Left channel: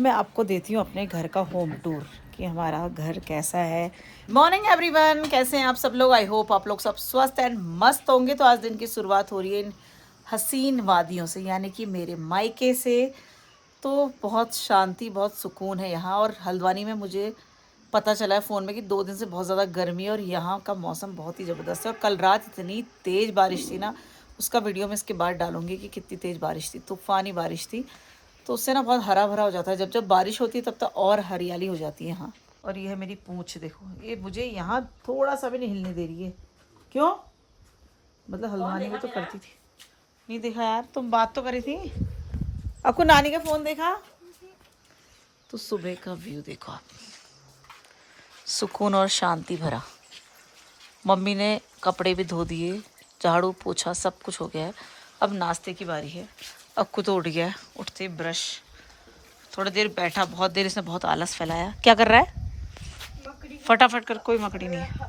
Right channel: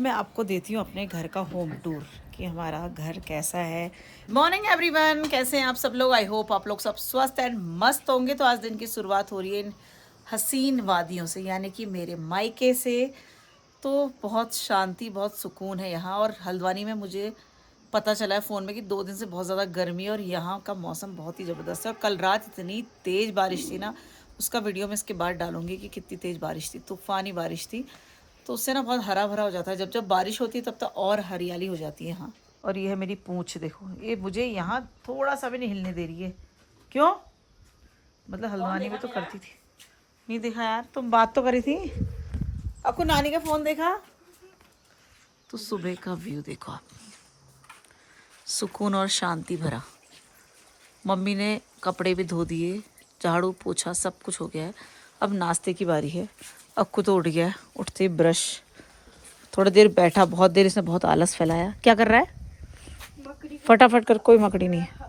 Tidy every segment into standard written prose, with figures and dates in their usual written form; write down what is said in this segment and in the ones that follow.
मैं आपको देती हूँ अपने घर का होम टूर कि हमारा घर कैसा है। मॉर्निंग एवरीवन, कैसे हैं आप सब लोग। आई होप आप लोग सब स्वस्थ एंड मस्त होंगे। तो आज दिन की शुरुआत हो रही है इन हसीन वादियों से, यानी कि मेरे मायके से। तो बहुत शांति, बहुत सुकून है यहाँ। और हल्द्वानी में मुझे पता चला है फ़ोन में कि 2 दिन से बहुत ज़्यादा गर्मी है और यहाँ का मौसम बहुत ही ज़बरदस्त है। और कल रात इतनी तेज़ बारिश थी ना, उसका वीडियो मैं इसके बाद डालूंगी कि कितनी तेज़ बारिश थी, तूफ़ानी बारिश थी। तो उससे ना बहुत हरा भरा हो जाता है। जब जब बारिश होती है तब तक और हरियाली हो जाती है यहाँ। और ये है मेरी पूँछ, देखो ये मुझे यहाँ थोड़ा सा भी नहीं हिलने दे रही है। क्यों? मतलब हल्द्वानी में तो करती थी। नहीं देखा यार, तुम बात तो करी थी। आपको नानी का फ़ोन देखा? तो सुबह का व्यू देखो आप, सुकून और शांति भरा। मम्मी ने कपड़े भी धो दिए, झाड़ू पोछा सब कुछ हो गया है। अब नाश्ते की बारी है। अक्कू तो उठ गया है, उठते ही ब्रश, थोड़ी देर बैठा, बहुत देर इसने बहुत आलस फैलाया। क्या कर रहा है? फटाफट कर, कोई मकड़ी नहीं है।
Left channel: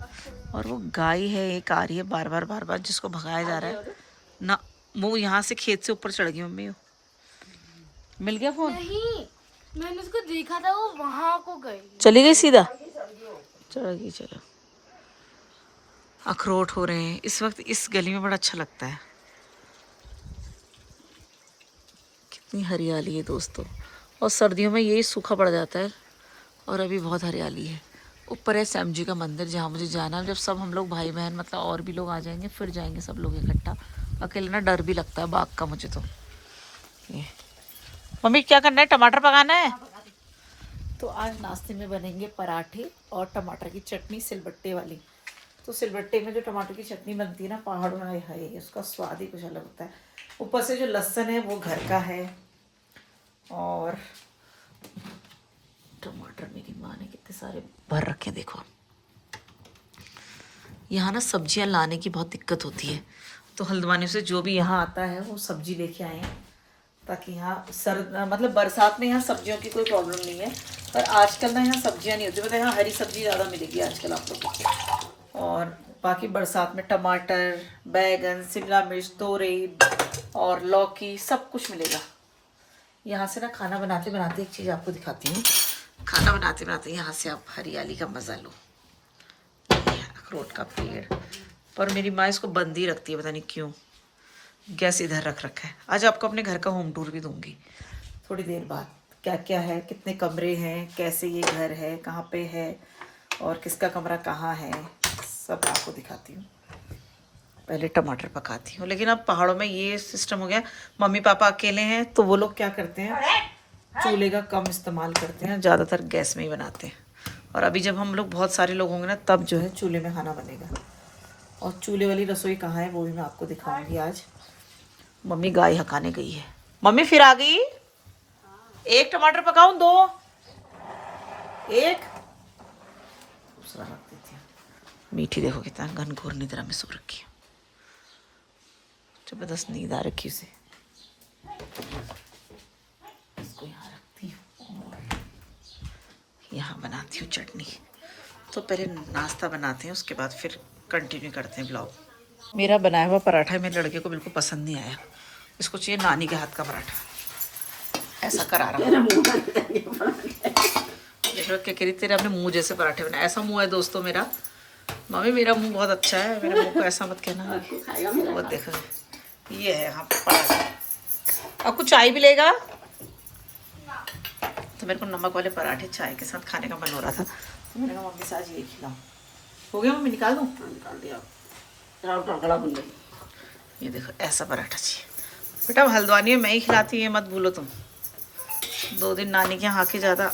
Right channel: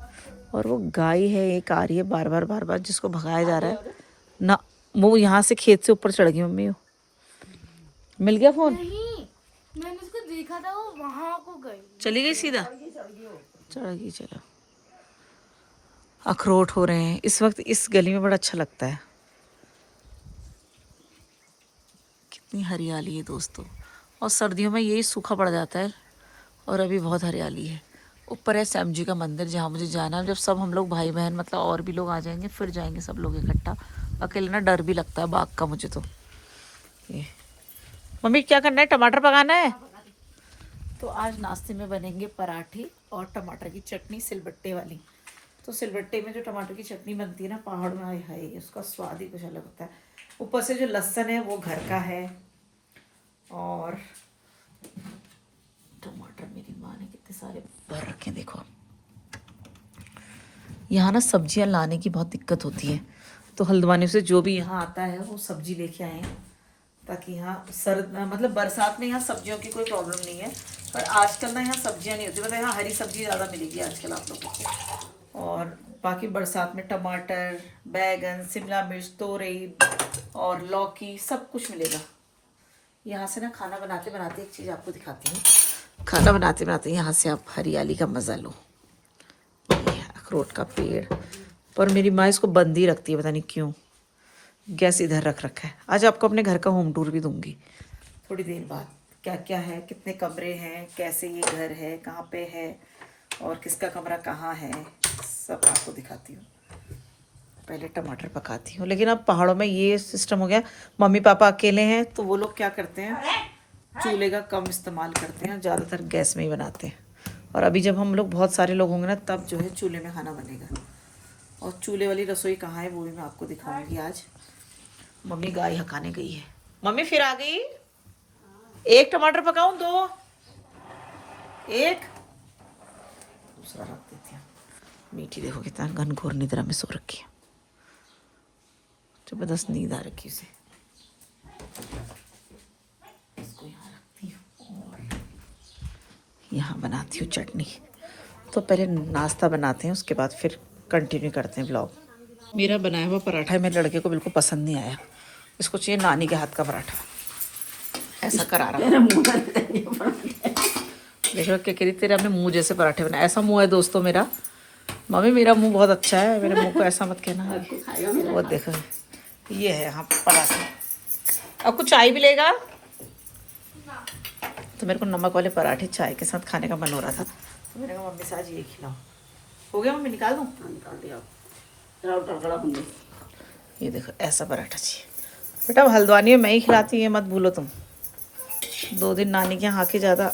और वो गाय है एक आ रही है बार बार जिसको भगाया जा रहा है ना। वो यहाँ से खेत से ऊपर चढ़ गई मम्मी। मिल गया फोन? नहीं, मैंने उसको देखा था, वो वहां को गई। चली गई सीधा? चढ़ गई। चलो, अखरोट हो रहे हैं इस वक्त इस गली में, बड़ा अच्छा लगता है। कितनी हरियाली है दोस्तों। और सर्दियों में यही सूखा पड़ जाता है और अभी बहुत हरियाली है। ऊपर है श्याम जी का मंदिर जहाँ मुझे जाना है। जब सब हम लोग भाई बहन, मतलब और भी लोग आ जाएंगे फिर जाएंगे सब लोग इकट्ठा। अकेले ना डर भी लगता है बाघ का मुझे तो। ये मम्मी क्या करना है? टमाटर पकाना है। तो आज नाश्ते में बनेंगे पराठे और टमाटर की चटनी सिलबट्टे वाली। तो सिलबट्टे में जो टमाटर की चटनी बनती है ना पहाड़ों में, हाय उसका स्वाद ही कुछ अलग होता है। ऊपर से जो लहसुन है वो घर का है। और टमाटर मेरी माँ ने कितने सारे भर रखे हैं देखो। यहाँ ना सब्जियाँ लाने की बहुत दिक्कत होती है, तो हल्द्वानी से जो भी यहाँ आता है वो सब्जी लेके आए, ताकि यहाँ मतलब बरसात में यहाँ सब्जियों की कोई प्रॉब्लम नहीं है। पर आजकल ना यहाँ सब्जियाँ नहीं होती, मतलब यहाँ हरी सब्जी ज़्यादा मिलेगी आजकल आप लोगों को। और बाकी बरसात में टमाटर, बैगन, शिमला मिर्च, तोरई और लौकी सब कुछ मिलेगा। यहाँ से ना खाना बनाते बनाते एक चीज़ आपको दिखाती हूँ। खाना बनाते बनाते यहाँ से आप हरियाली का मज़ा लो। अखरोट का पेड़, पर मेरी माँ इसको बंद ही रखती है, पता नहीं क्यों। गैस इधर रख रखा है। आज आपको अपने घर का होम टूर भी दूंगी थोड़ी देर बाद। क्या क्या है, कितने कमरे हैं, कैसे ये घर है, कहाँ पे है और किसका कमरा कहाँ है, सब आपको दिखाती हूँ। पहले टमाटर पकाती हूँ। लेकिन अब पहाड़ों में ये सिस्टम हो गया, मम्मी पापा अकेले हैं तो वो लोग क्या करते हैं, चूल्हे का कम इस्तेमाल करते हैं, ज़्यादातर गैस में ही बनाते हैं। और अभी जब हम लोग बहुत सारे लोग होंगे ना, तब जो है चूल्हे में खाना बनेगा। और चूल्हे वाली रसोई कहाँ है वो भी मैं आपको दिखाऊंगी आज। मम्मी गाय हकाने गई है। मम्मी फिर आ गई? एक टमाटर पकाऊं, दो? एक दूसरा रख देती हूँ। मीठी देखो कितना घनघोर निद्रा में सो रखी है, जबरदस्त नींद आ रखी उसे। इसको यहाँ रखती हूँ और यहाँ बनाती हूँ चटनी। तो पहले नाश्ता बनाते हैं, उसके बाद फिर कंटिन्यू करते हैं ब्लॉग। मेरा बनाया हुआ पराठा मेरे लड़के को बिल्कुल पसंद नहीं आया। इसको चाहिए नानी के हाथ का पराठा। ऐसा करा रहा देखो क्या कह रही, तेरे अपने मुंह जैसे पराठे बनाए। ऐसा मुंह है दोस्तों मेरा। मम्मी मेरा मुंह बहुत अच्छा है, मेरे मुंह को ऐसा मत कहना। वो देखो ये है यहाँ पराठा। अब कुछ चाय भी लेगा? तो मेरे को नमक वाले पराठे चाय के साथ खाने का मन हो रहा था, तो मैंने कहा मम्मी से आज ये खिलाऊं। हो गया मम्मी, निकाल दूँ? ये देखो ऐसा पराठा चाहिए बेटा। हल्द्वानी में मैं ही खिलाती हूँ, ये मत भूलो तुम। 2 दिन नानी के यहाँ आके ज़्यादा।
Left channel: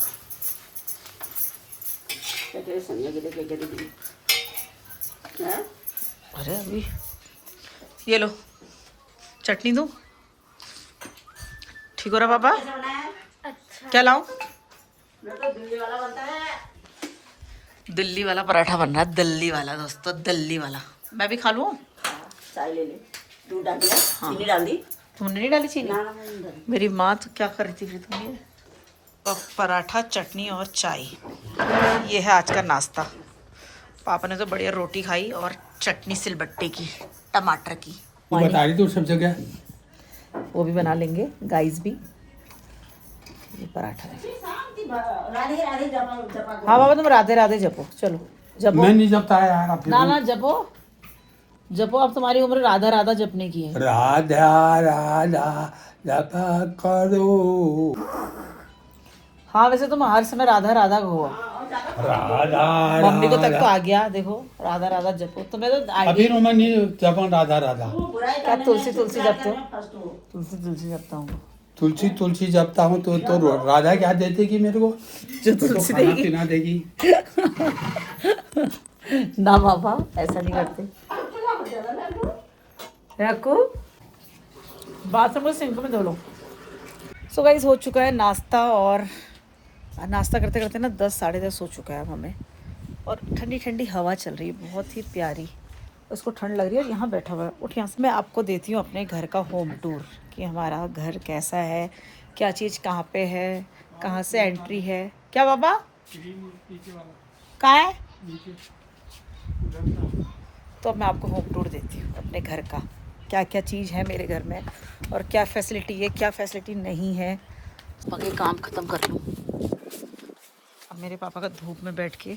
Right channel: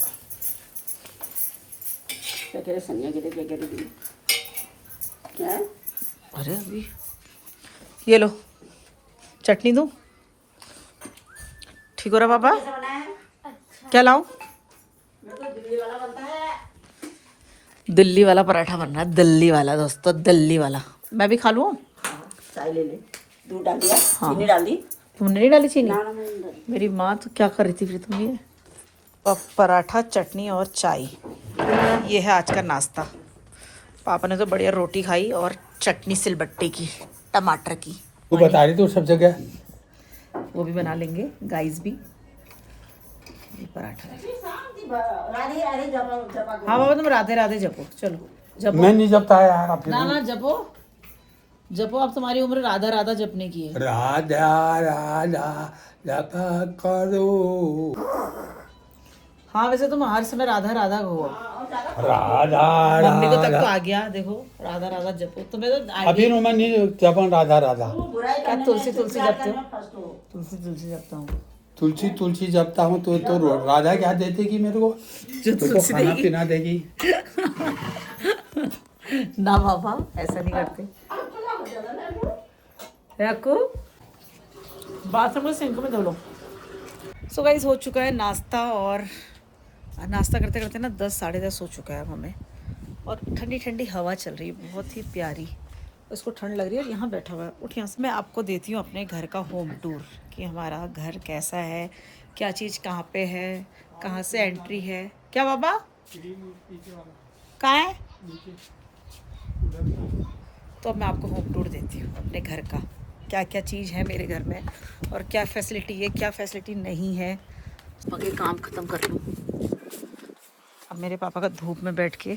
अरे अभी ये लो चटनी दूँ? ठीक हो रहा पापा? क्या लाऊं? दिल्ली वाला पराठा बन रहा है, दिल्ली वाला दोस्तों, दिल्ली वाला। मैं भी खा लूँ? चाय ले ले, दूध डाल दिया, चीनी डाल दी। तुमने नहीं डाली चीनी? मेरी माँ तो क्या कर रही थी फिर तुम? ये पराठा, चटनी और चाय, ये है आज का नाश्ता। पापा ने तो बढ़िया रोटी खाई और चटनी सिलबट्टे की, टमाटर की। तो बता रही तू सब जगह। वो भी बना लेंगे गाइस भी। ये पराठा है। राधे राधे जपा जपा हाँ बाबा तुम राधे राधे जपो, चलो जपो। मैं नहीं जपता है यार अपने ना ना जपो जपो, अब तुम्हारी उम्र राधा राधा जपने की है। राधा राधा जपा करो। हाँ वैसे तुम हर समय राधा राधा हो। राधा मम्मी को तक तो आ गया, देखो राधा राधा जपो। तुम्हें तो अभी मैं नहीं जपा राधा राधा। क्या तुलसी तुलसी जपते हो? तुलसी तुलसी जपता हूँ। तुलसी तुलसी जपता हूँ तो राधा क्या देगी मेरे को? जो तो तुलसी खाना देगी पीना देगी। ना बाबा ऐसा नहीं करते। याकू बाथरूम को सिंक में धो लो। सो गाइस हो चुका है नाश्ता, और नाश्ता करते करते ना 10 साढ़े 10 हो चुका है अब हमें, और ठंडी ठंडी हवा चल रही है बहुत ही प्यारी। उसको ठंड लग रही है, यहाँ बैठा हुआ है। उठ यहाँ से मैं आपको देती हूँ अपने घर का होम टूर कि हमारा घर कैसा है, क्या चीज़ कहाँ पे है, कहाँ से एंट्री है। क्या बाबा कहाँ है? तो अब मैं आपको होम टूर देती हूँ अपने घर का, क्या क्या चीज़ है मेरे घर में और क्या फैसिलिटी है क्या फैसिलिटी नहीं है। बाकी काम ख़त्म कर लूँ। अब मेरे पापा का धूप में बैठ के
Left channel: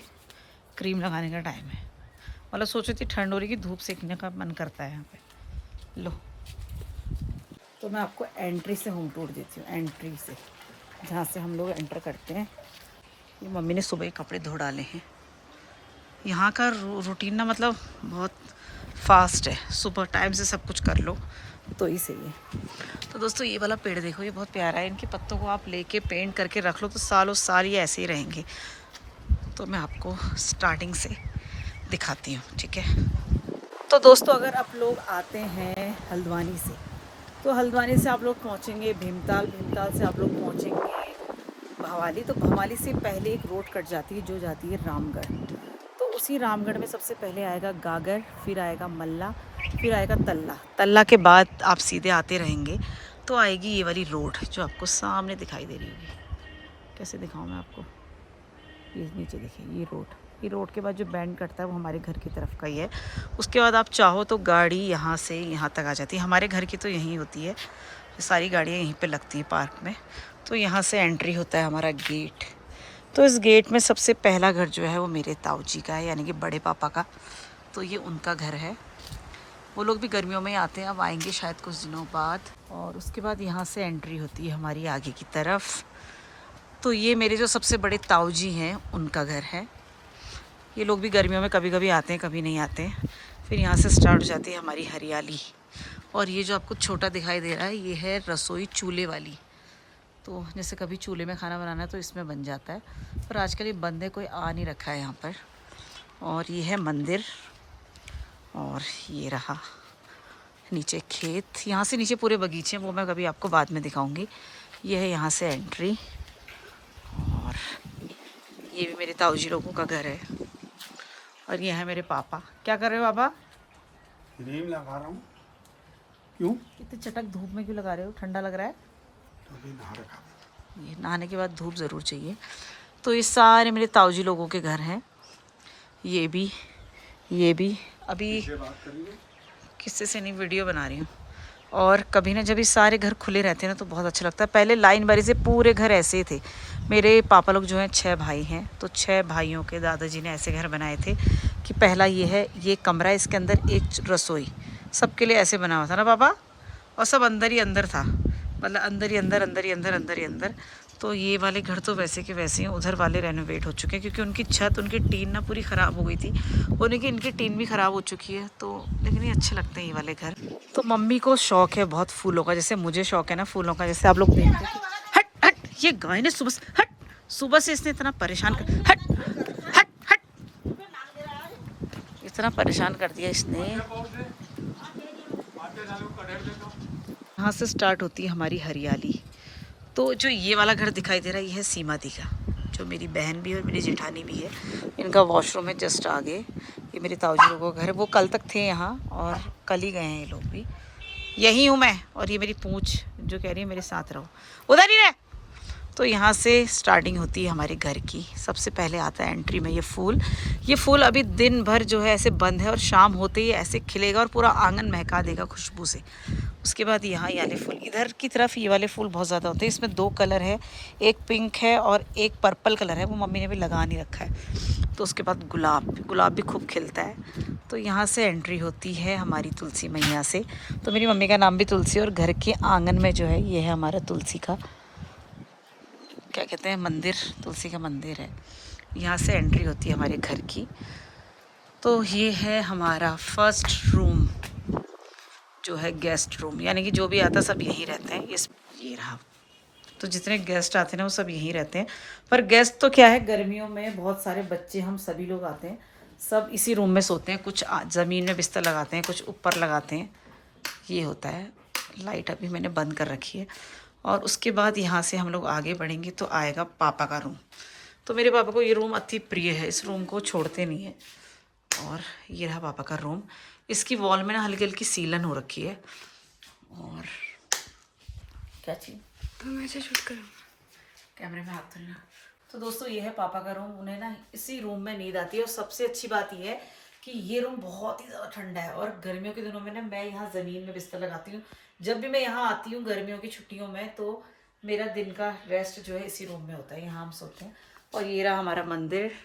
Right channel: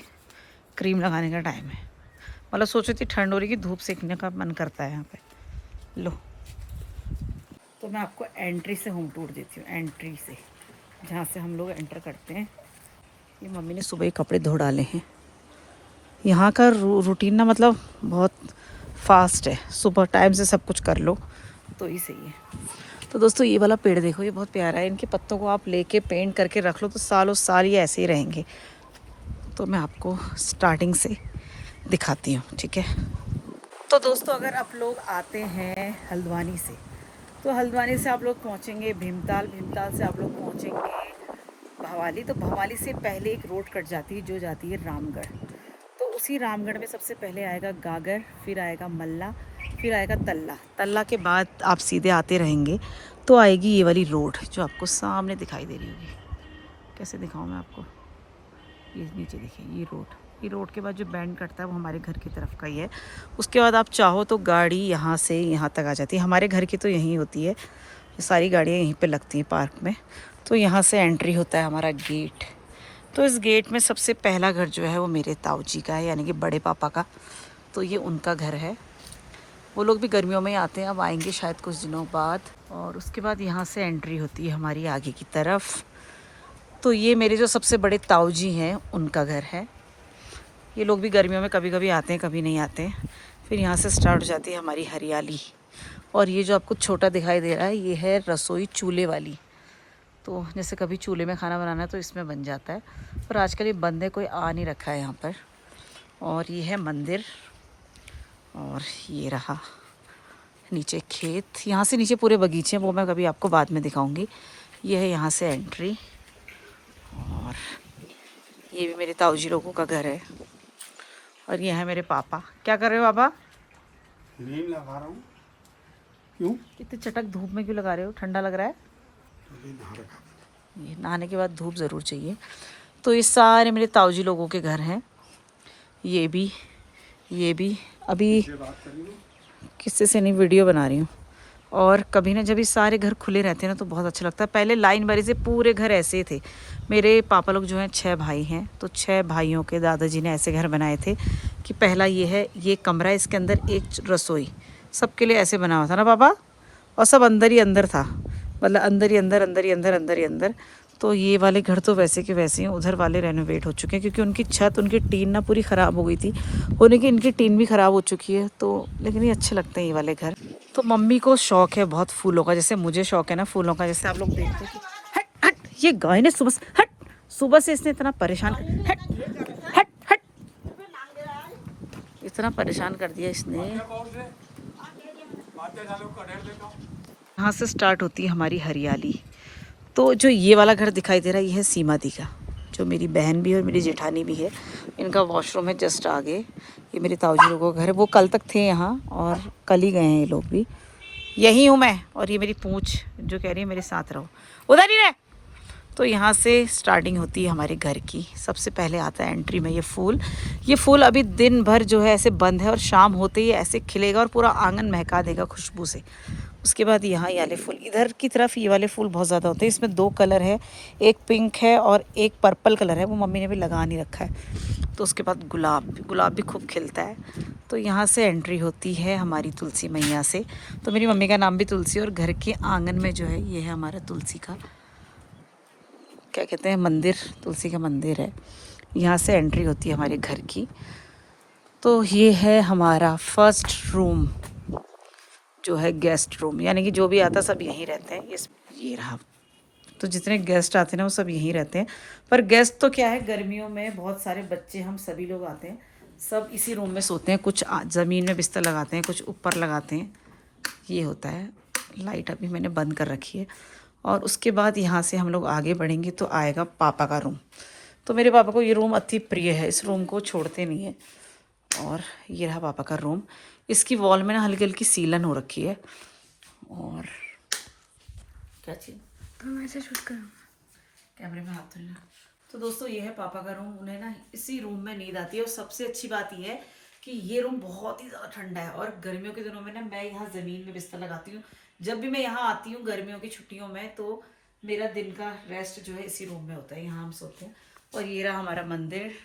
क्रीम लगाने का टाइम है। मतलब सोची थी ठंड हो रही कि धूप सेकने का मन करता है यहाँ पे। लो तो मैं आपको एंट्री से होम टूर देती हूँ, एंट्री से जहाँ से हम लोग एंटर करते हैं। ये मम्मी ने सुबह ही कपड़े धो डाले हैं। यहाँ का रूटीन ना मतलब बहुत फास्ट है, सुबह टाइम से सब कुछ कर लो तो ही सही है। तो दोस्तों ये वाला पेड़ देखो, ये बहुत प्यारा है। इनके पत्तों को आप लेके पेंट करके रख लो तो सालों साल ये ऐसे ही रहेंगे। तो मैं आपको स्टार्टिंग से दिखाती हूँ, ठीक है। तो दोस्तों अगर आप लोग आते हैं हल्द्वानी से, तो हल्द्वानी से आप लोग पहुँचेंगे भीमताल, भीमताल से आप लोग पहुँचेंगे भवाली। तो भवाली से पहले एक रोड कट जाती है जो जाती है रामगढ़। तो उसी रामगढ़ में सबसे पहले आएगा गागर, फिर आएगा मल्ला, फिर आएगा तल्ला। तल्ला के बाद आप सीधे आते रहेंगे तो आएगी ये वाली रोड जो आपको सामने दिखाई दे रही होगी। कैसे दिखाऊं मैं आपको, ये नीचे देखिए ये रोड। ये रोड के बाद जो बैंड कटता है वो हमारे घर की तरफ का ही है। उसके बाद आप चाहो तो गाड़ी यहाँ से यहाँ तक आ जाती है। हमारे घर की तो यहीं होती है, सारी गाड़ियाँ यहीं पे लगती हैं पार्क में। तो यहाँ से एंट्री होता है हमारा गेट। तो इस गेट में सबसे पहला घर जो है वो मेरे ताऊ जी का है, यानी कि बड़े पापा का। तो ये उनका घर है। वो लोग भी गर्मियों में ही आते हैं, अब आएंगे शायद कुछ दिनों बाद। और उसके बाद यहाँ से एंट्री होती है हमारी आगे की तरफ। तो ये मेरे जो सबसे बड़े ताऊ जी हैं उनका घर है। ये लोग भी गर्मियों में कभी कभी आते हैं कभी नहीं आते हैं। फिर यहाँ से स्टार्ट हो जाती है हमारी हरियाली। और ये जो आपको छोटा दिखाई दे रहा है ये है रसोई चूल्हे वाली। तो जैसे कभी चूल्हे में खाना बनाना है तो इसमें बन जाता है, पर आजकल ये बंद है, कोई आ नहीं रखा है यहाँ पर। और ये है मंदिर, और ये रहा नीचे खेत। यहाँ से नीचे पूरे बगीचे हैं, वो मैं कभी आपको बाद में दिखाऊंगी। ये है यहाँ से एंट्री। और ये भी मेरे ताऊ जी लोगों का घर है। और ये है मेरे पापा। क्या कर रहे हो पापा? नीम लगा रहा हूँ। क्यों? इतने चटक धूप में क्यों लगा रहे हो? ठंडा लग रहा है? ये नहाने के बाद धूप ज़रूर चाहिए। तो ये सारे मेरे ताऊ जी लोगों के घर हैं। ये भी अभी किससे से नहीं वीडियो बना रही हूँ। और कभी ना जब ये सारे घर खुले रहते हैं ना तो बहुत अच्छा लगता है। पहले लाइन बारी से पूरे घर ऐसे ही थे। मेरे पापा लोग जो हैं 6 भाई हैं, तो 6 भाइयों के दादाजी ने ऐसे घर बनाए थे कि पहला ये है, ये कमरा, इसके अंदर एक रसोई, सबके लिए ऐसे बना हुआ था ना पापा। और सब अंदर ही अंदर था, मतलब अंदर ही अंदर, अंदर ही अंदर, अंदर ही अंदर। तो ये वाले घर तो वैसे के वैसे हैं। उधर वाले रेनोवेट हो चुके हैं क्योंकि उनकी छत, उनकी टीन ना पूरी ख़राब हो गई थी। होने की इनकी टीन भी ख़राब हो चुकी है। तो लेकिन ये अच्छे लगते हैं ये वाले घर। तो मम्मी को शौक़ है बहुत फूलों का, जैसे मुझे शौक़ है ना फूलों का। जैसे आप लोग देखते हैं कि हट हट, ये गाय ने सुबह से इसने इतना परेशान कर, हट हट हट, इतना परेशान कर दिया इसने। यहाँ से स्टार्ट होती है हमारी हरियाली। तो जो ये वाला घर दिखाई दे रहा है ये है सीमा दी का, जो मेरी बहन भी है और मेरी जेठानी भी है। इनका वॉशरूम है जस्ट आगे। ये मेरे ताऊ जी लोगों का घर है। वो कल तक थे यहाँ और कल ही गए हैं ये लोग भी। यही हूँ मैं, और ये मेरी पूंछ जो कह रही है मेरे साथ रहो, उधर ही रहे। तो यहाँ से स्टार्टिंग होती है हमारे घर की। सबसे पहले आता है एंट्री में ये फूल। ये फूल अभी दिन भर जो है ऐसे बंद है और शाम होते ही ऐसे खिलेगा और पूरा आंगन महका देगा खुशबू से। उसके बाद यहाँ ये वाले फूल, इधर की तरफ ये वाले फूल बहुत ज़्यादा होते हैं। इसमें 2 कलर है, एक पिंक है और एक पर्पल कलर है, वो मम्मी ने भी लगा नहीं रखा है। तो उसके बाद गुलाब भी खूब खिलता है। तो यहाँ से एंट्री होती है हमारी तुलसी मैया से। तो मेरी मम्मी का नाम भी तुलसी, और घर के आंगन में जो है ये है हमारा तुलसी का, क्या कहते हैं, मंदिर, तुलसी का मंदिर है। यहाँ से एंट्री होती है हमारे घर की। तो ये है हमारा फर्स्ट रूम, जो है गेस्ट रूम, यानी कि जो भी आता सब यहीं रहते हैं। ये रहा। तो जितने गेस्ट आते हैं ना वो सब यहीं रहते हैं। पर गेस्ट तो क्या है, गर्मियों में बहुत सारे बच्चे, हम सभी लोग आते हैं, सब इसी रूम में सोते हैं। कुछ ज़मीन में बिस्तर लगाते हैं, कुछ ऊपर लगाते हैं। ये होता है। लाइट अभी मैंने बंद कर रखी है। और उसके बाद यहाँ से हम लोग आगे बढ़ेंगे तो आएगा पापा का रूम। तो मेरे पापा को ये रूम अति प्रिय है, इस रूम को छोड़ते नहीं है। और ये रहा पापा का रूम। इसकी वॉल में ना हल्की हल्की सीलन हो रखी है। और क्या चीज़, मैं ऐसे शूट करूँ, कैमरे में हाथ धोना। तो दोस्तों ये है पापा का रूम। उन्हें ना इसी रूम में नींद आती है। और सबसे अच्छी बात ये है कि ये रूम बहुत ही ज़्यादा ठंडा है। और गर्मियों के दिनों में ना मैं यहाँ ज़मीन में बिस्तर लगाती हूँ। जब भी मैं यहाँ आती हूँ गर्मियों की छुट्टियों में, तो मेरा दिन का रेस्ट जो है इसी रूम में होता है, यहाँ हम सोते हैं। और ये रहा हमारा मंदिर।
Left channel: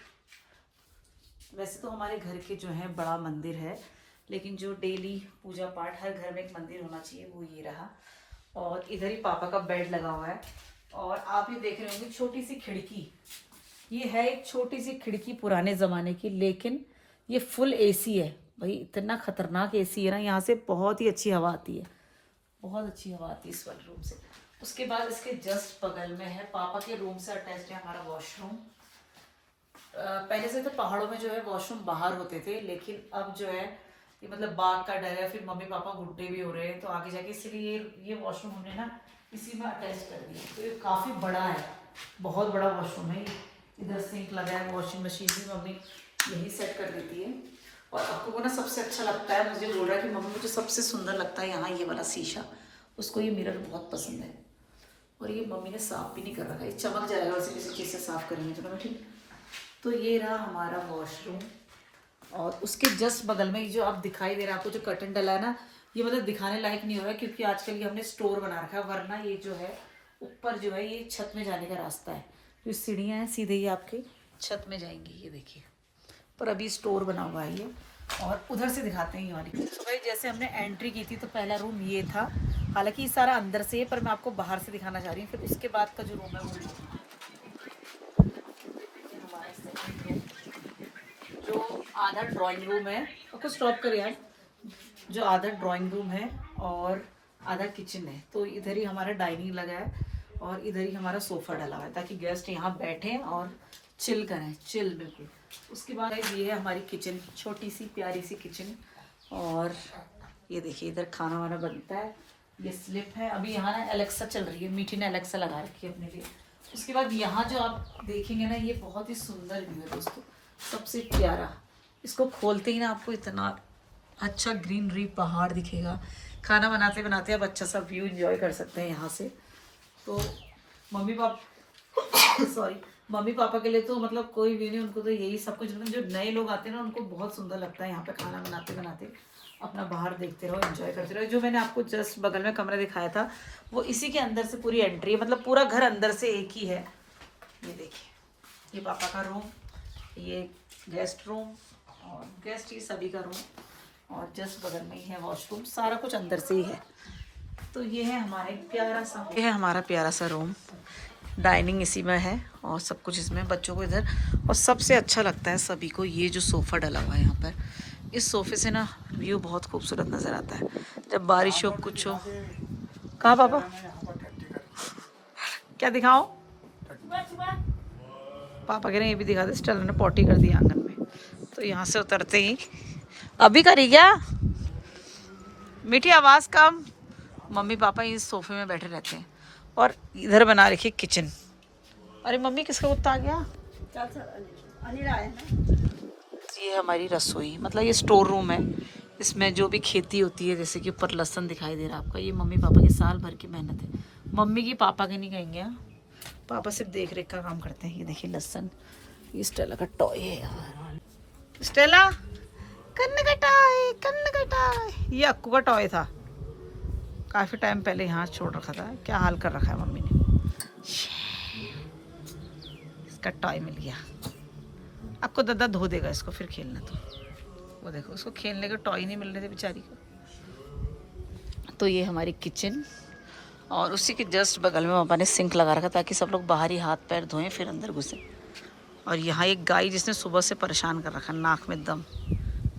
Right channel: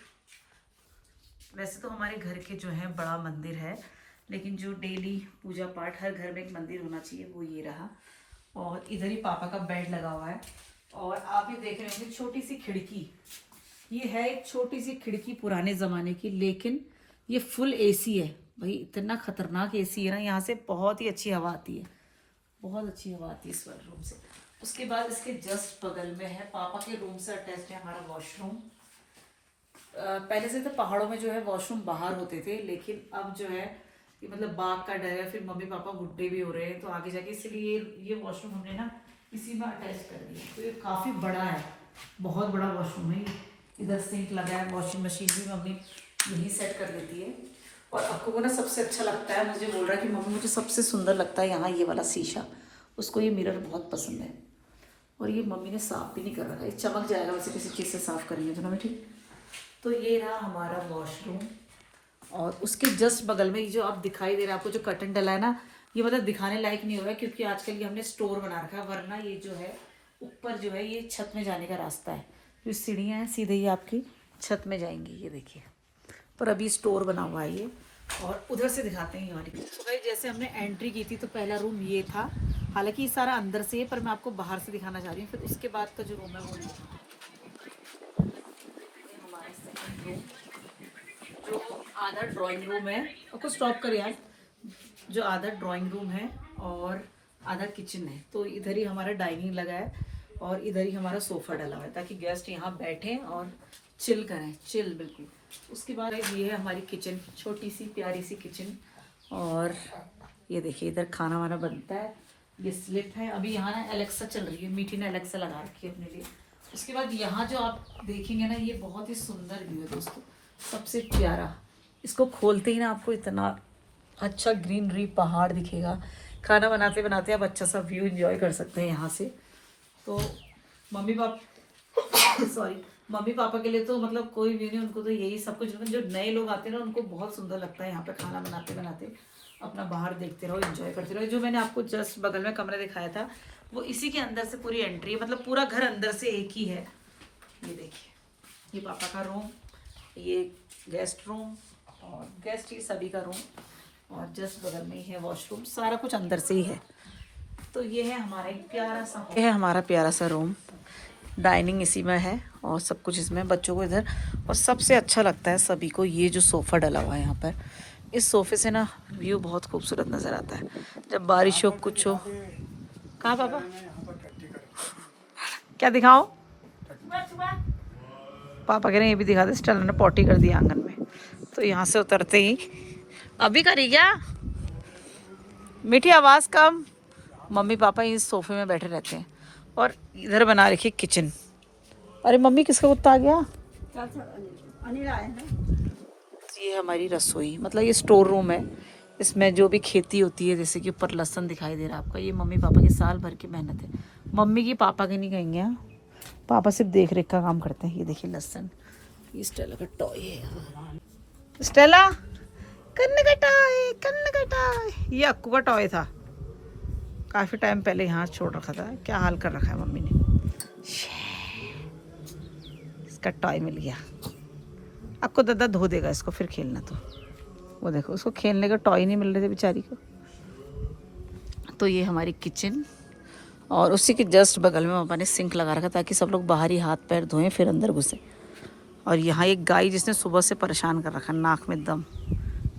वैसे तो हमारे घर के जो है बड़ा मंदिर है, लेकिन जो डेली पूजा पाठ, हर घर में एक मंदिर होना चाहिए, वो ये रहा। और इधर ही पापा का बेड लगा हुआ है। और आप ये देख रहे होंगे छोटी सी खिड़की, ये है एक छोटी सी खिड़की पुराने ज़माने की, लेकिन ये फुल एसी है भाई। इतना खतरनाक एसी है ना, यहाँ से बहुत ही अच्छी हवा आती है, बहुत अच्छी हवा आती है इस वाले रूम से। उसके बाद इसके जस्ट बगल में है पापा के रूम से अटैच है हमारा वॉशरूम। पहले से तो पहाड़ों में जो है वॉशरूम बाहर होते थे, लेकिन अब जो है ये मतलब बाघ का डर है, फिर मम्मी पापा बुढ़े भी हो रहे हैं तो आगे जाके, इसलिए ये वॉशरूम हमने ना इसी में अटैच कर दिया। तो ये काफ़ी बड़ा है, बहुत बड़ा वॉशरूम है। इधर सिंक लगा है, वॉशिंग मशीन भी मम्मी यही सेट कर देती है। और आपको को ना सबसे अच्छा लगता है, मुझे बोल रहा है कि मम्मी मुझे सबसे सुंदर लगता है यहाँ ये वाला शीशा, उसको ये मिरर बहुत पसंद है। और ये मम्मी ने साफ़ भी नहीं कर रखा है, चमक जाएगा वैसे किसी चीज़ से साफ़ करेंगे तो मम्मी, ठीक। तो ये रहा हमारा वॉशरूम। और उसके जस्ट बगल में जो आप दिखाई दे रहा है आपको, जो कर्टन डला है ना, ये मतलब दिखाने लायक नहीं हो रहा है, क्योंकि आजकल ये हमने स्टोर बना रखा है। वरना ये जो है ऊपर जो है ये छत में जाने का रास्ता है, जो सीढ़ियाँ हैं सीधे ही आपकी छत में जाएंगी, ये देखिए। पर अभी स्टोर बना हुआ है ये। और उधर से दिखाते हैं ये वाली। तो भाई जैसे हमने एंट्री की थी तो पहला रूम ये था, हालांकि ये सारा अंदर से है, पर मैं आपको बाहर से दिखाना चाह रही हूँ। फिर उसके बाद का जो रूम है वो हमारा सेकंड रूम, जो आधा ड्राइंग रूम है। उसको स्टॉप कर यार, जो आधा ड्राइंग रूम है और आधा किचन है। तो इधर ही हमारा डाइनिंग लगा है और इधर ही हमारा सोफ़ा डला हुआ है, ताकि गेस्ट यहाँ बैठें और चिल करें, चिल बिल्कुल। उसके बाद ये है हमारी किचन, छोटी सी प्यारी सी किचन। और ये देखिए इधर खाना वाना बनता है। ये स्लिप है, अभी यहाँ ना एलेक्सा चल रही है, मीठी ने एलेक्सा लगा रखी है अपने लिए। उसके बाद यहाँ जो आप देखेंगे ना, ये बहुत ही सुंदर व्यू है दोस्तों, सबसे प्यारा। इसको खोलते ही ना आपको इतना अच्छा ग्रीनरी पहाड़ दिखेगा। खाना बनाते बनाते आप अच्छा सा व्यू एंजॉय कर सकते हैं यहाँ से। तो मम्मी पापा के लिए तो मतलब कोई व्यू नहीं, उनको तो यही सब कुछ। जो नए लोग आते हैं ना, उनको बहुत सुंदर लगता है यहाँ पे खाना बनाते बनाते अपना बाहर देखते रहो, एंजॉय करते रहो। जो मैंने आपको जस्ट बगल में कमरा दिखाया था, वो इसी के अंदर से पूरी एंट्री है, मतलब पूरा घर अंदर से एक ही है। ये देखिए, ये पापा का रूम, ये गेस्ट रूम और गेस्ट ही सभी का रूम, और जस्ट बगल में ही है वॉशरूम। सारा कुछ अंदर से ही है। तो ये है हमारा एक प्यारा सा, ये है हमारा प्यारा सा रूम। डाइनिंग इसी में है और सब कुछ इसमें, बच्चों को इधर। और सबसे अच्छा लगता है सभी को ये जो सोफ़ा डला हुआ है यहाँ पर। इस सोफ़े से ना व्यू बहुत खूबसूरत नज़र आता है जब बारिश हो कुछ हो। कहाँ पापा, क्या दिखाओ? पापा कह रहे हैं ये भी दिखा दे। स्टेला ने पॉटी कर दी आंगन में। तो यहाँ से उतरते ही, अभी करी क्या मीठी, आवाज़ कम। मम्मी पापा इस सोफे में बैठे रहते हैं। और इधर बना रखी किचन। अरे मम्मी किसका कुत्ता आ गया? ये हमारी रसोई, मतलब ये स्टोर रूम है। इसमें जो भी खेती होती है, जैसे कि ऊपर लहसन दिखाई दे रहा है आपका, ये मम्मी पापा की साल भर की मेहनत है। मम्मी की, पापा की नहीं कहेंगे, पापा सिर्फ देख रेख का काम करते हैं। ये देखिए लहसन, ये स्टेला का टॉय है यार। स्टेला कन्न का टॉय, ये अक्कू का टॉय था। काफ़ी टाइम पहले यहाँ छोड़ रखा था। क्या हाल कर रखा है मम्मी ने। इसका टॉय मिल गया। आपको दादा धो देगा इसको, फिर खेलना। तो वो देखो, उसको खेलने का टॉय नहीं मिल रहे थे बेचारी को। तो ये हमारी किचन, और उसी के जस्ट बगल में पापा ने सिंक लगा रखा ताकि सब लोग बाहर ही हाथ पैर धोएं फिर अंदर घुसे। और यहाँ एक गाय जिसने सुबह से परेशान कर रखा, नाक में दम।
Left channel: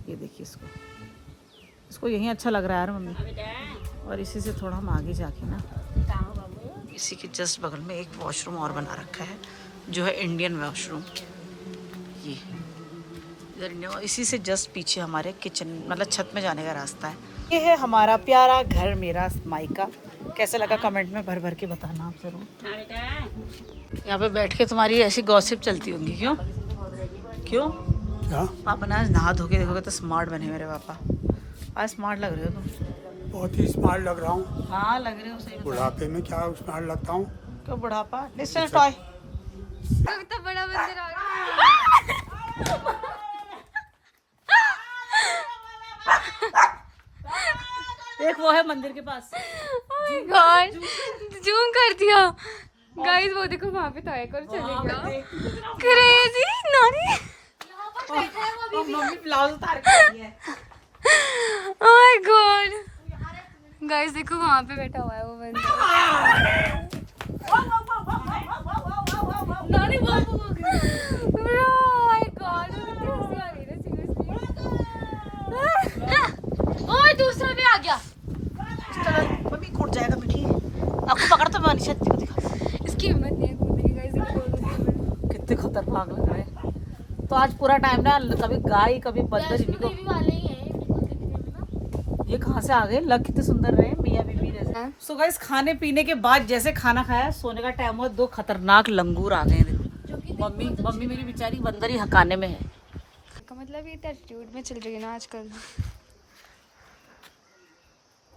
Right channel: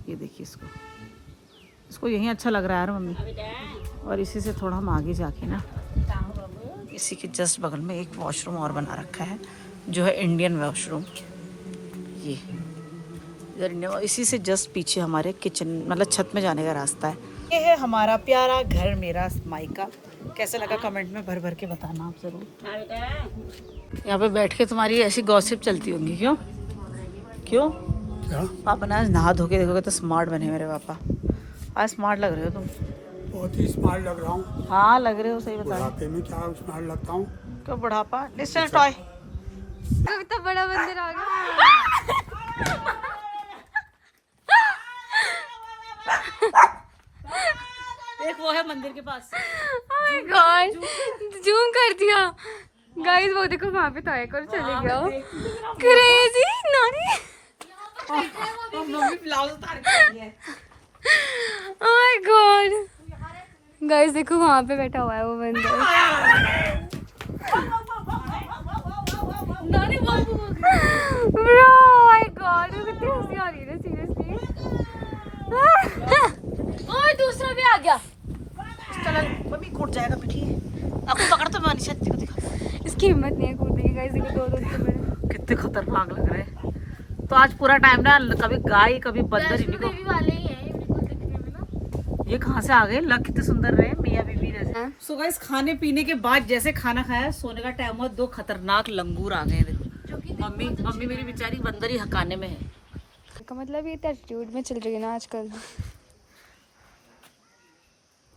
ये देखिए इसको यहीं अच्छा लग रहा है यार मम्मी। और इसी से थोड़ा हम आगे जाके ना, इसी के जस्ट बगल में एक वॉशरूम और बना रखा है जो है इंडियन वॉशरूम। ये इसी से जस्ट पीछे हमारे किचन मतलब छत में जाने का रास्ता है। ये है हमारा प्यारा घर, मेरा मायका। कैसा लगा कमेंट में भर भर के बताना आप जरूर। यहाँ पे बैठ के तुम्हारी ऐसी गॉसिप चलती होंगी। क्यों क्यों क्या? पापा ने आज नहा धो के देखोगे तो स्मार्ट बने मेरे पापा। आज स्मार्ट लग रहे हो तुम। बहुत ही स्मार्ट लग रहा हूँ। हाँ लग रहे हो, सही बता। बुढ़ापे में क्या स्मार्ट लगता हूँ? क्यों बुढ़ापा? Listen toy. तो बड़ा बंदर आ गया। एक वो है मंदिर के पास। Oh my God, जूम कर दिया गाइस। वो देखो वहाँ पे टॉय कर चले गया। क्रेजी नानी। मम्मी ब्लाउज उतार के आई है। Oh my God, गाइस देखो वहाँ पे बैठा हुआ है वो बंदर। नानी बाबू। Oh my God, मुझे कितनी हंसी आ रही है सीरियसली। ओए दूसरा भी आ गया। चलो मम्मी कूद जाएगा बेटी। आपको पकड़ तो मैं छत को दिखा। इसकी हिम्मत नहीं है कूदने की गाइस। देखो कितने खतरनाक लग रहे हैं। तो आज पूरा टाइम ना कभी गाय कभी बंदर इन्हीं को। वाले ही है बिल्कुल दिखने में ना। ये कहाँ से आ गए? लग कितने सुंदर रहे मियाँ बीबी जैसे। सो गाइस खाने पीने के बाद जैसे खाना खाया, सोने का टाइम हुआ, दो खतरनाक लंगूर आ गए। देखो मम्मी मेरी बेचारी बंदर ही हकाने में है। का मतलब ये एटीट्यूड में चल रही है ना आजकल।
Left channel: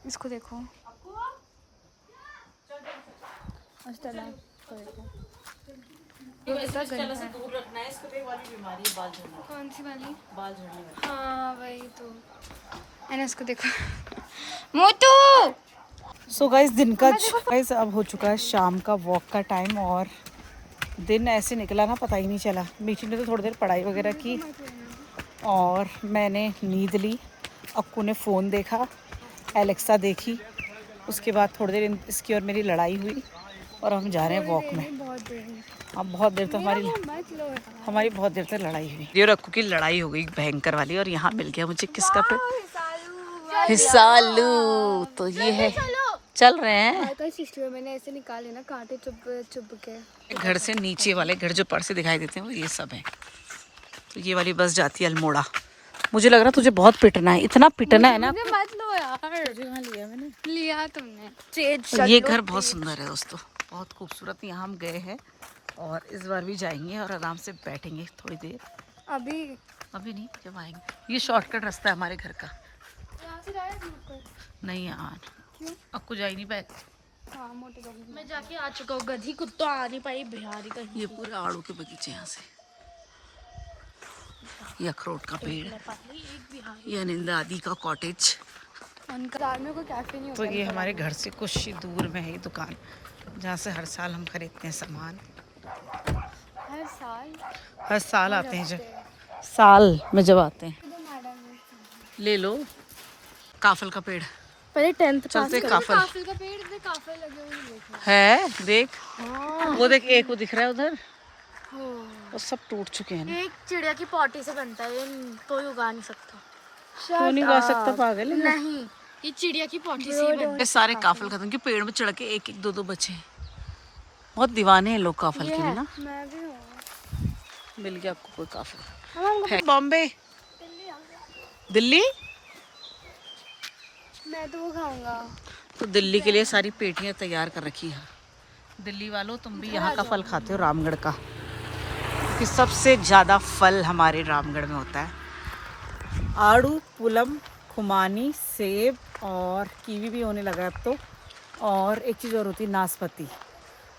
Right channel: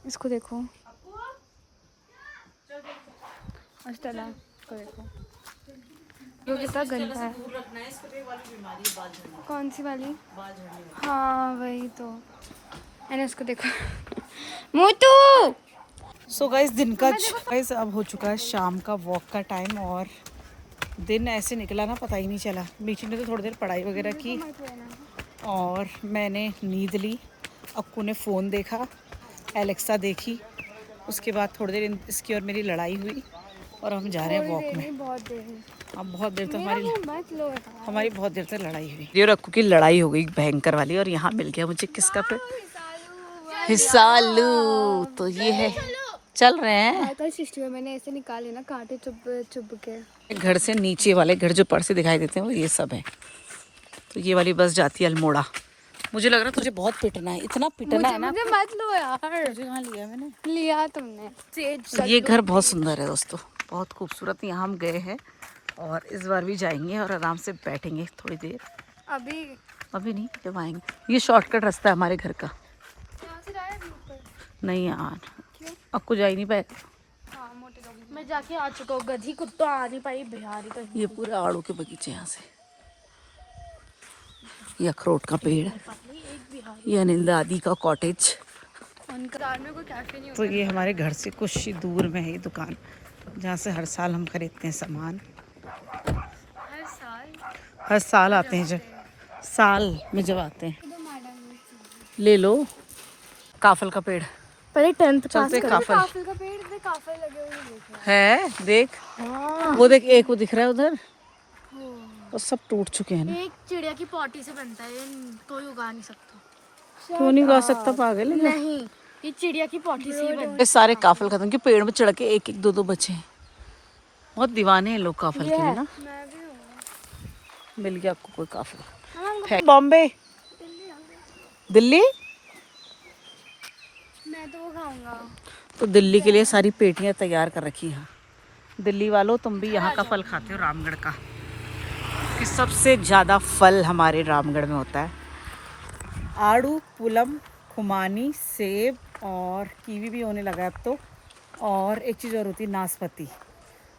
इसको देखो अष्टला को देखो, ये कितना गंदा है। कौन सी वाली? हाँ वही तो है ना। इसको देखो मोटू। सो गाइस दिन का गाइस अब हो चुका है शाम का वॉक का टाइम, और दिन ऐसे निकला ना पता ही नहीं चला। मीठी ने तो थोड़ी देर पढ़ाई वगैरह की और मैंने नींद ली। अक्कू ने फ़ोन देखा, एलेक्सा देखी, उसके बाद थोड़ी देर इसकी और मेरी लड़ाई हुई और हम जा रहे हैं वॉक में। अब बहुत देर तक हमारी बहुत देर तक लड़ाई हुई और अक्कू की लड़ाई हो गई भयंकर वाली। और यहाँ मिल गया मुझे किसका फिर हिसालू। तो ये है, चल रहे हैं। सिस्टर मैंने ऐसे निकाले ना कांटे चुभ के। घर से नीचे वाले घर जो पर से दिखाई देते हैं वो ये सब है। तो ये वाली बस जाती है अल्मोड़ा। मुझे लग रहा तुझे बहुत पिटना है, इतना पिटना है ना। मत लो यार। तुझे कहाँ लिया मैंने? लिया तुमने। ये घर बहुत सुंदर है दोस्तों, बहुत खूबसूरत। यहाँ हम गए हैं और इस बार भी जाएंगे और आराम से बैठेंगे थोड़ी देर। अभी नहीं, जब आएंगे। ये शॉर्टकट रास्ता है हमारे घर का। नहीं यार आपको जा ही नहीं पाए। मैं जाके आ चुका हूँ। गधी कुत्ता आ नहीं पाई बिहारी कहीं। ये पूरे आड़ू के बगीचे यहाँ से। ये अखरोट का पेड़, ये अनिल दादी का कॉटेज। तो ये हमारे घर से कुछ ही दूर में है ये दुकान जहाँ से हर साल हम खरीदते हैं सामान। हर साल आते हैं, जब साल में जब आते हैं ले लो। काफल का पेड़, पहले 10th चलते काफल का पेड़ पे काफल लगे हुए है। देख वो देख, एक वो दिख रहा है उधर, वो सब टूट चुके हैं। एक चिड़िया की पॉटी से बनता है, ये कोई उगा नहीं सकता। क्यों नहीं उगा सकता पागल? नहीं, ये चिड़िया की पॉटी से ही बनता ये सारे काफल खत्म के पेड़ में चढ़ के एक एक दो दो बचे हैं। बहुत दीवाने हैं लोग काफल के लिए ना। मिल गया आपको कोई काफल? बॉम्बे, दिल्ली। मैं तो खाऊंगा। तो दिल्ली के लिए सारी पेटियां तैयार कर रखी हैं। दिल्ली वालों तुम भी यहाँ का फल खाते हो, रामगढ़ का, कि सबसे ज़्यादा फल हमारे रामगढ़ में होता है। आड़ू, पुलम, खुमानी, सेब और कीवी भी होने लगा अब तो। और एक चीज़ और होती है नाशपाती,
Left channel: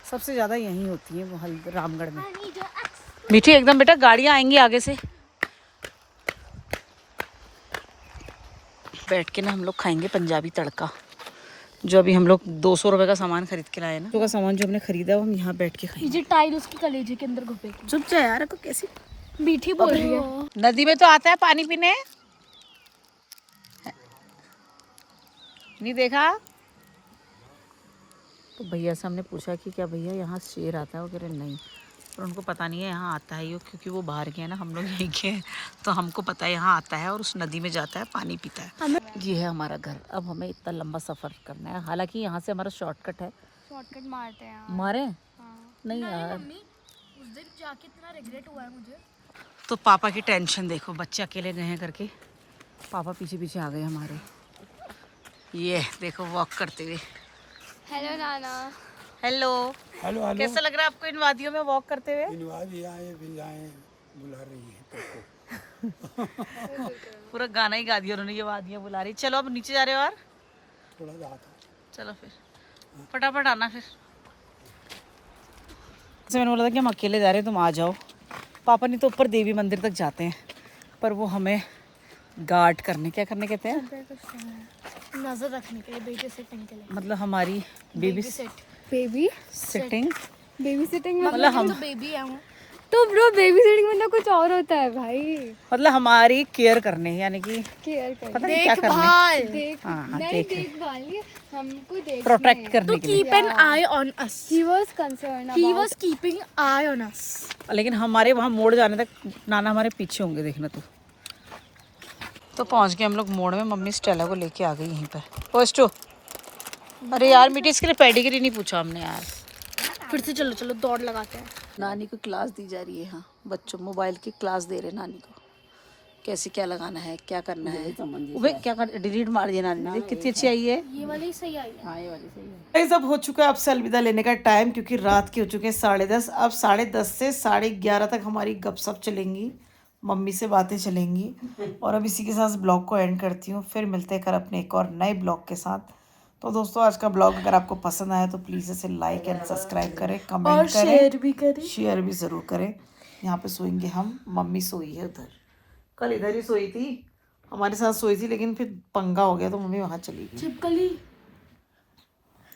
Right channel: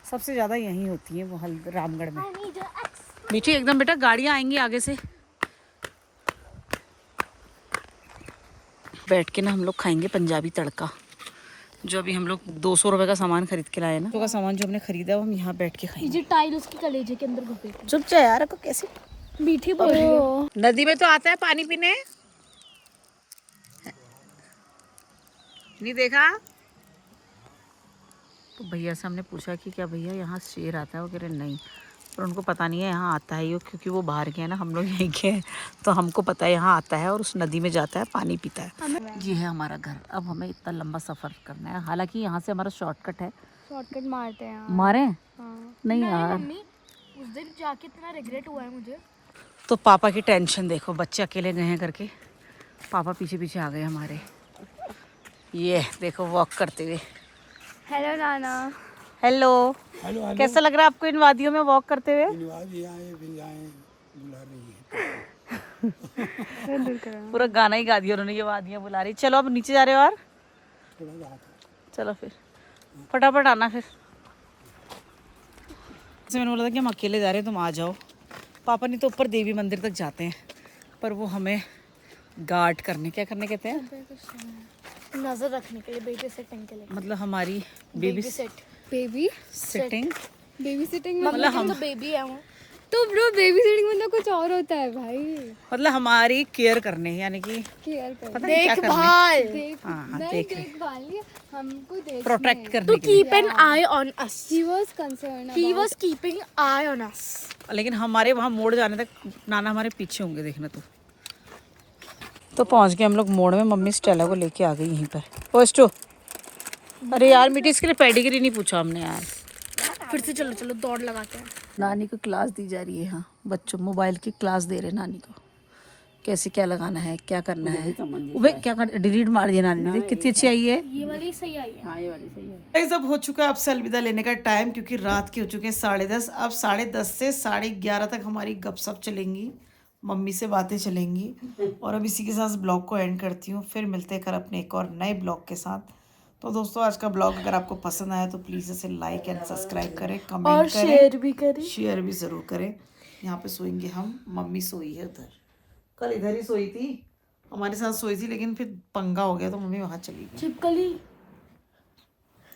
सबसे ज़्यादा यहीं होती है वो रामगढ़ में। मीठी एकदम बेटा, गाड़ियाँ आएंगी आगे से। बैठ के ना हम लोग खाएंगे पंजाबी तड़का। जो अभी हम लोग 200 रुपए का सामान खरीद के लाए ना, तो का सामान जो हमने खरीदा वो हम यहाँ बैठ के खाएंगे। ये टाइल उसके कलेजे के अंदर घुसे चुप जा यार, तो कैसी मीठी बोल रही है। नदी में तो आता है पानी पीने, नहीं देखा? तो भैया से हमने पूछा कि क्या भैया यहाँ शेर आता है? वो कह रहे नहीं, पर उनको पता नहीं है यहाँ आता है ये, क्योंकि वो बाहर के हैं ना, हम लोग यहीं के हैं, तो हमको पता है यहाँ आता है और उस नदी में जाता है, पानी पीता है। ये है हमारा घर। अब हमें इतना लंबा सफ़र करना है, हालांकि यहाँ से हमारा शॉर्टकट है। शॉर्टकट मारते हैं। मारे नहीं यार, उस दिन जाके इतना रिग्रेट हुआ है मुझे। तो पापा की टेंशन देखो, बच्चे अकेले गए हैं करके, पापा पीछे पीछे आ गए हमारे। ये देखो वॉक करते हुए। हेलो नाना। Hello, hello hello. कैसा लग रहा है आपको इन वादियों में वॉक करते हुए? बुला रही है। पूरा गाना ही गा दिया उन्होंने, ये वादियाँ बुला रही। चलो अब नीचे जा रहे हो यार, थोड़ा सा चलो फिर फटाफट आना। फिर मैंने बोला था कि हम अकेले जा रहे हैं, तुम आ जाओ। पापा नहीं तो ऊपर देवी मंदिर तक जाते हैं, पर वो हमें गार्ड करने, क्या करने कहते हैं, नजर रखने के लिए, बेबी सेटिंग के लिए। मतलब हमारी baby baby sitting, baby sitting मतलब हम बेबी है वो। तो ब्रो बेबी सिटिंग मतलब कुछ और होता है भाई। मतलब हमारी केयर करने, यानी कि केयर कर, पता नहीं क्या करने, देख हाँ देखभाल, हमको देख प्रोटेक्ट करने के लिए। Keep an I on us. He was concerned, he was keeping I on us. लेकिन हमारे वहाँ मोड़ जाने तक नाना हमारे पीछे होंगे, देखना तू। तो पहुँच गए हम लोग मोड़ में, मम्मी स्टेला को लेके आ गई यहीं पर। पोस्टो, अरे यार मीठी, इसके लिए पेडिग्री नहीं पूछा हमने यार। फिर से चलो चलो दौड़ लगाते हैं। नानी को क्लास दी जा रही है, हाँ बच्चों मोबाइल की क्लास दे रहे हैं नानी को, कैसे क्या लगाना है, क्या करना है। वे क्या कर, डिलीट मार दिया नानी ने, कितनी अच्छी आई है। ये वाली सही आई है। हाँ ये वाली सही है। सब हो चुका है, अब से अलविदा लेने का टाइम, क्योंकि रात के हो चुके हैं 10:30। अब 10:30 से 11:30 तक हमारी गपशप चलेंगी, मम्मी से बातें चलेंगी, और अब इसी के साथ ब्लॉग को एंड करती हूँ। फिर मिलते हैं कल अपने एक और नए ब्लॉग के साथ। तो दोस्तों आज का ब्लॉग अगर आपको पसंद आया तो प्लीज़ इसे लाइक एंड सब्सक्राइब करें, कमेंट करें, शेयर भी ज़रूर करें। यहाँ पे सोएंगे हम, मम्मी सोई है उधर, कल इधर ही सोई थी, हमारे साथ सोई थी, लेकिन फिर पंगा हो गया तो मम्मी वहाँ चली गई। छिपकली